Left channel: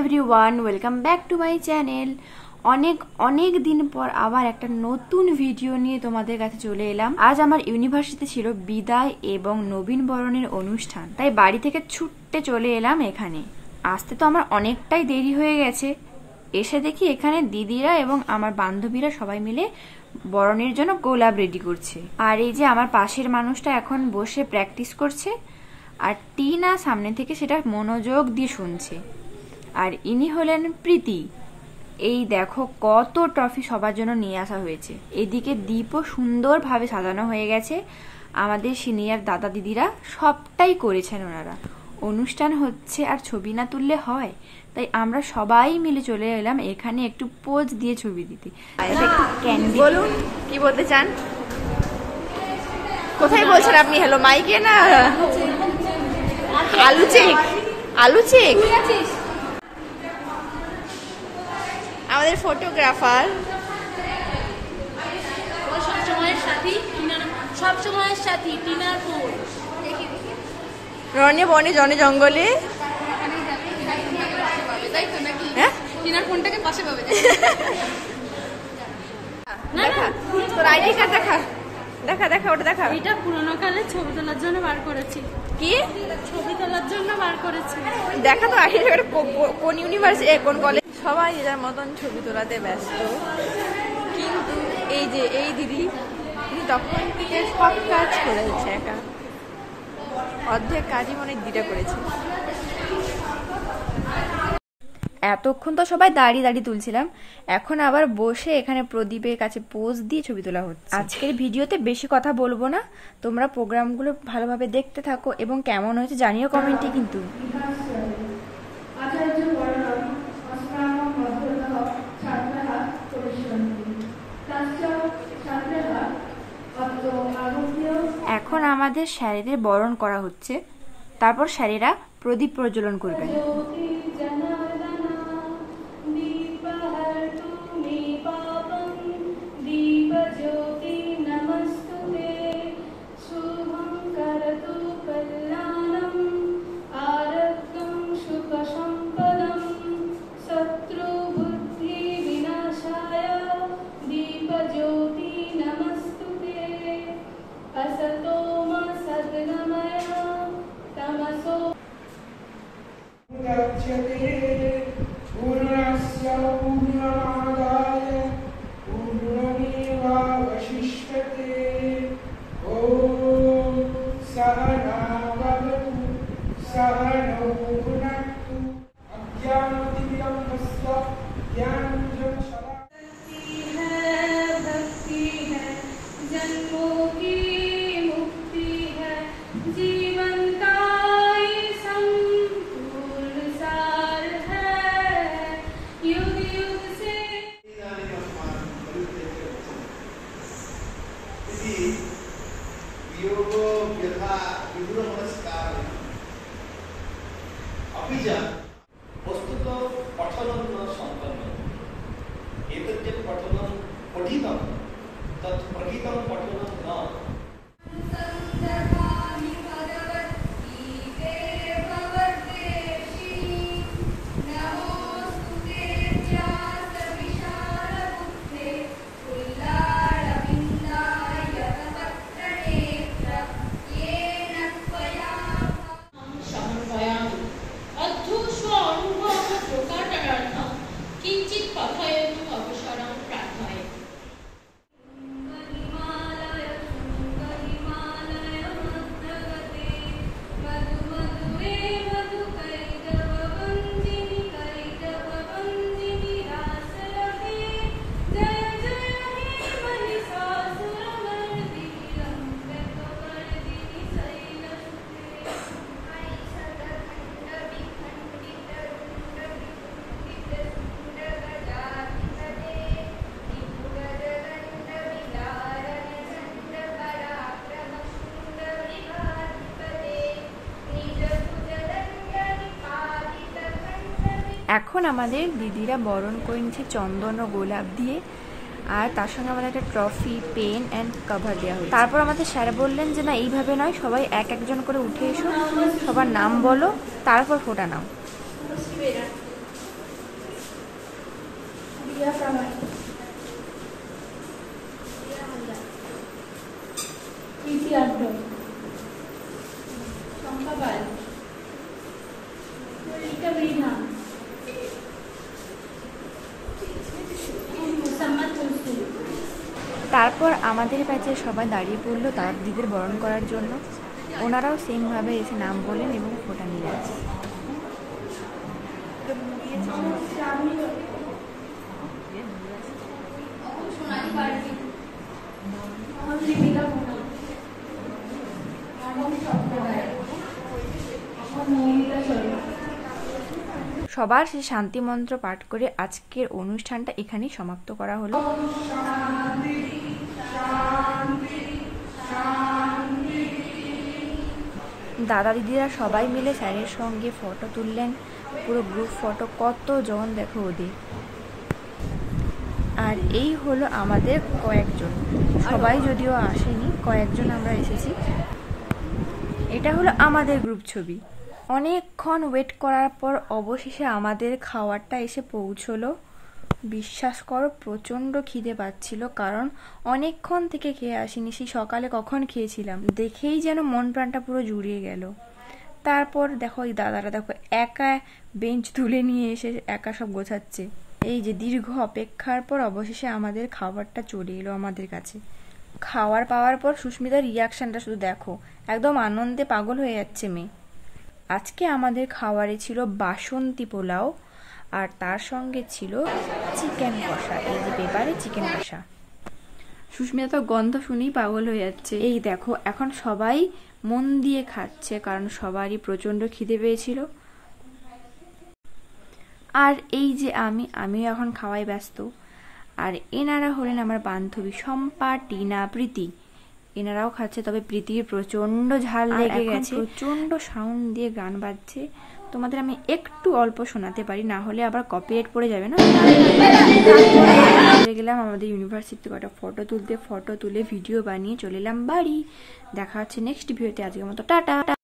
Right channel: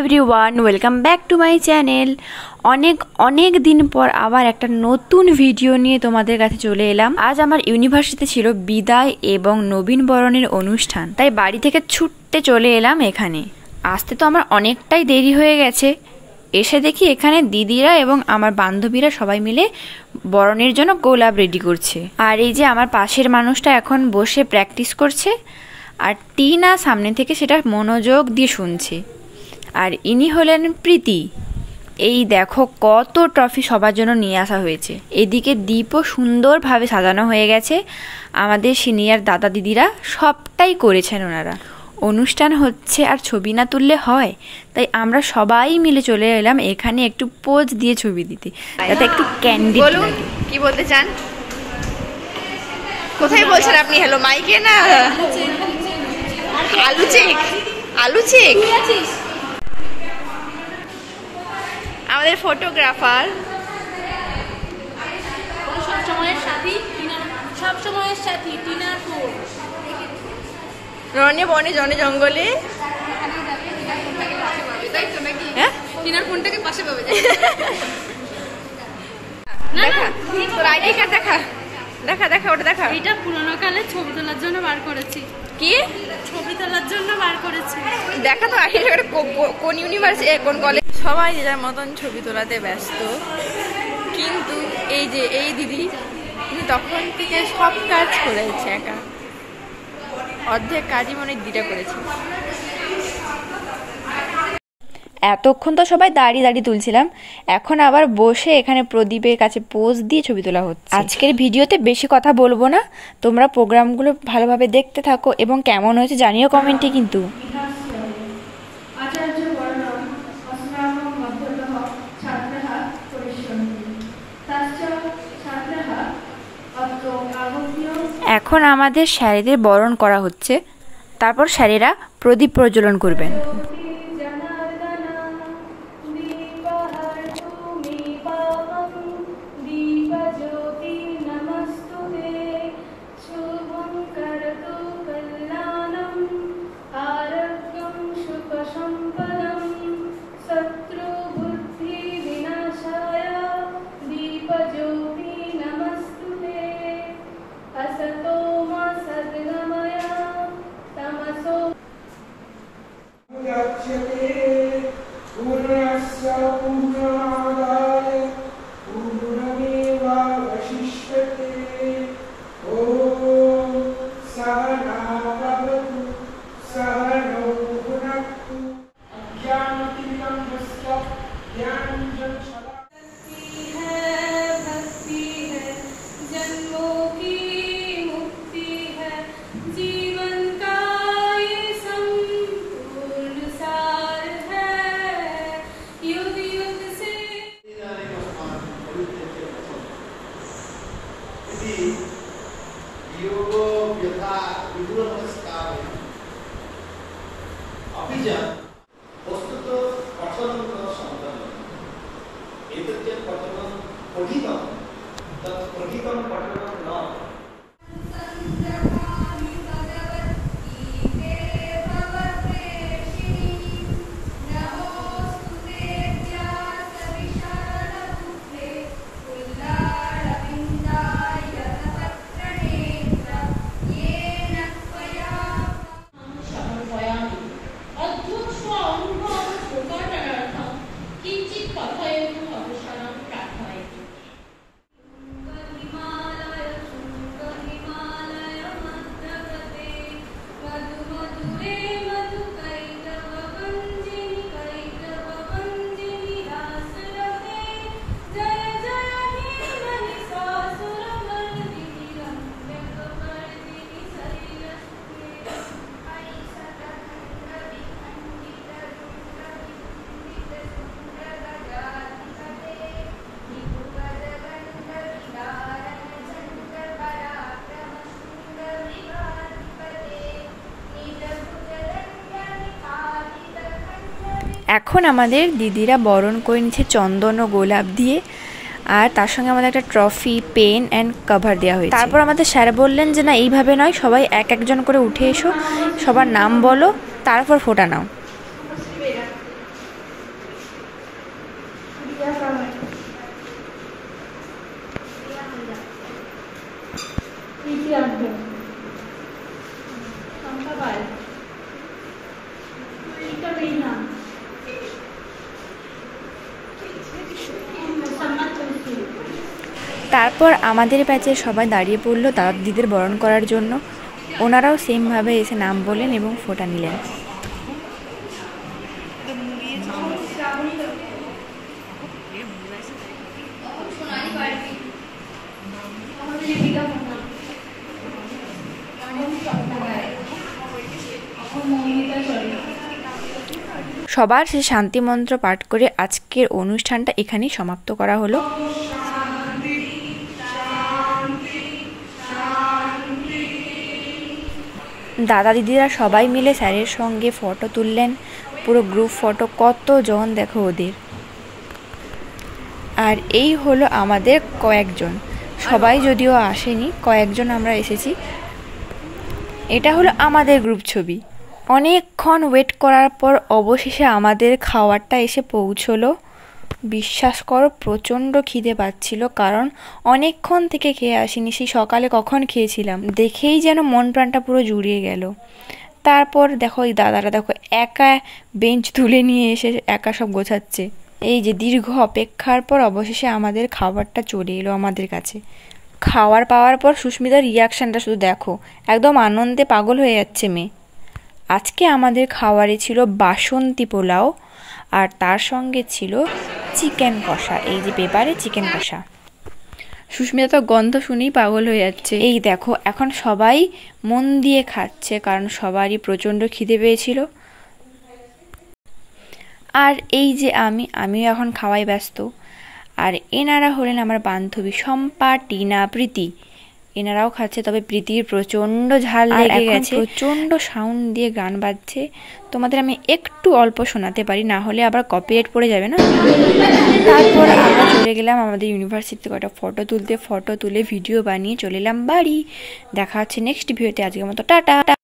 Everyone, welcome back to my channel. অনেক দিন পর আবার একটা নতুন ভিডিও নিয়ে তোমাদের কাছে চলে এলাম। আজ আমার ইউনিভার্সিটিতে ছিল বিদায় এবং নবীন বরণের অনুষ্ঠান, তাই বাড়ি থেকে ছুটতে চলে এলাম এখানে। আসতে তো আমার অনেকটাই দেরি হয়ে গেছে। এসে দেখি এখানে দিদিরা এবং আমার বান্ধবীরা সবাই মিলে বরণের জন্য গোলাপ রেডি করছে। আর এই যে আমার পাশের মানুষটা এখন বসে প্র্যাকটিস করছে, আর টিনা সামনে থেকে সেটা মনোযোগ দিয়ে শুনছে। আর ইনি হলেন প্রীতি। এই দেখো কত ট্রফি সবার জন্য নিয়ে আসা হয়েছে। এদিকে দ্বীপও সুন্দরভাবে সাজানো হয়ে গেছে। আমাদের সিনিয়র দাদা দিদিরা সবটাই করেছেন ওনারা। অনুষ্ঠান হচ্ছে আর ছবি না তুললে হয়, তাই আমরা সবাই মিলে চলে এলাম এখানে একটু পোজ দিয়ে ছবি দিতে, যাতে একটু ক্যান্ডি। বলুন কি বলতে চান, কোথায় বলছেন আপনি? হ্যালো মাইকে না? আলু চেক, আলু চেক। আমাদের ফটোগ্রাফার সবসময়ের সাথী টিনার ফোন। রনে বনে জনে জঙ্গলে। হ্যাঁ, টিনার ফোনটাকে পাশে পাবে। দেখা তোর আইডি কার্ড দেখা, দেখা দেখা ওটা দেখা। এটা পুরোনো কালে ছবি তোলার জন্য বার করেছি। কি ছবি তোলার জন্য বার করেছি? দেখা তো আইডি কার্ড কোন ইউনিভার্সিটি কোন কলেজ। সবাই যে যার মতন ছবি তোলাতে ব্যস্ত, কিন্তু এই যে এই দিদি উনি তখন থেকে সব কাজ করেছে একা। অর্ধেক কাজই মনে দিদিটা করেছে। এতক্ষণ তো সবাই দাঁড়িয়ে দাঁড়িয়ে তুলছিলাম, এখন আবার বসে এখানে প্রদীপের কাছে পোজ দিয়ে ছবি তোলা হচ্ছে। আজকের ভিডিওতে বেশি কথা বলবো না, তোমরা প্রোগ্রামগুলো ভালোভাবে দেখতে থাকো এবং কেমন হয়েছে জানিও কমেন্টে। কিন্তু এখন আমাদের স্যারেদের বরণ করা হচ্ছে, তারপর স্যারেরা প্রদীপ প্রজ্বলন করবেন। এখন আমাদের দিদিরা বরণ করে নিচ্ছে চন্দন ও গোলাপ দিয়ে, আর তার সঙ্গে আমাদের একটা ট্রফি, পেন অ্যান্ড কভার দেওয়া হয়েছে। তারপর আমাদের স্যার বললেন যে না, এইভাবে নয়, সবাই এক একজন করে উঠে এসো, সবার নাম বলো, তারপর ফোটা নাও। তারপর আমাদের ব্যাচে সবাই দাঁড়িয়ে পড়লো দাদা দিদিদের বরণ করার জন্য। ওনারাও সেমভাবে এসে নাম বললেন এবং ফোঁটা নিলেন। সবার শেষে শান্তি মন্ত্র পাঠ করে আজকের অনুষ্ঠানটা এখানেই সমাপ্ত করা হলো। দাদা দিদিরা সবাই মিলে স্যারের সঙ্গে ফটো তুললেন, পুরো গ্রুপ ফটো, কতজন দেখো ওদের। আর এই হলো আমাদের কয়েকজন, সবাই যদিও আসেনি, কয়েকজন আমরা এসেছি। এটা হলো আমাদের গ্রুপ ছবি। অনেকক্ষণ ওয়েট করার পর অবশেষে আমাদের খাবারটা এসে পৌঁছলো। বিশ্বাস করো প্রচণ্ড খিদে পাচ্ছিল, কারণ অনেকক্ষণ থেকে খেয়ে আসিনি। সেই সকালে কখন খেয়েছিলাম, দেখেই যেন মন প্রাণটা পুরো জুড়িয়ে গেল। তারপর দেখো এই দাদারা দেখো একা বেঞ্চ তুলে নিয়ে এসে একা সব গোছাচ্ছে। এই যে দীর্ঘ অপেক্ষার পর অবশেষে আমাদের খাবারটা চলে এলো আমাদের কাছে। খাওয়ার পাওয়ার পর সুস্মিতার রিয়াকশানটা শুধু দেখো, একদম আনন্দে পাগল হয়ে যাচ্ছে মেয়ে। আজকে আমাদের খাবারে ছিল বাসন্তী পোলাও, আর তার সঙ্গে ছিল চিকেন কষা। এই যে পেপারে চিকেন কষা। সুস্মিতা তো গন্ধ শুনেই পাগল হয়ে যাচ্ছে। এই দেখো এখন সবাই মন দিয়ে খাচ্ছে, কারণ সবারই প্রচণ্ড খিদে পেয়েছিল। আর এই যে আমিও এখন খাওয়াই ব্যস্ত। আর এনারা হলেন আমার বান্ধবী শম্পা, টিনা, প্রীতি। এনারাও খাচ্ছে, তবে প্রীতির প্রচণ্ড ঝাল লেগে গেছে, প্রচণ্ড সাউন্ড দিয়ে গান বাজছে। তোমাদের আমি একটু অল্প শোনাতে পারি, না হলে আবার কপিরাইট পড়ে যাবে না। তারপরে আমরা চলে গেলাম আমাদের ইউনিভার্সিটিতে কটা ফটো তুলতে। ফটো তুলে ভিডিও বানিয়ে চলে এলাম বাড়ি। দেখা হচ্ছে নেক্সট ভিডিওতে। আজকের মতো টাটা।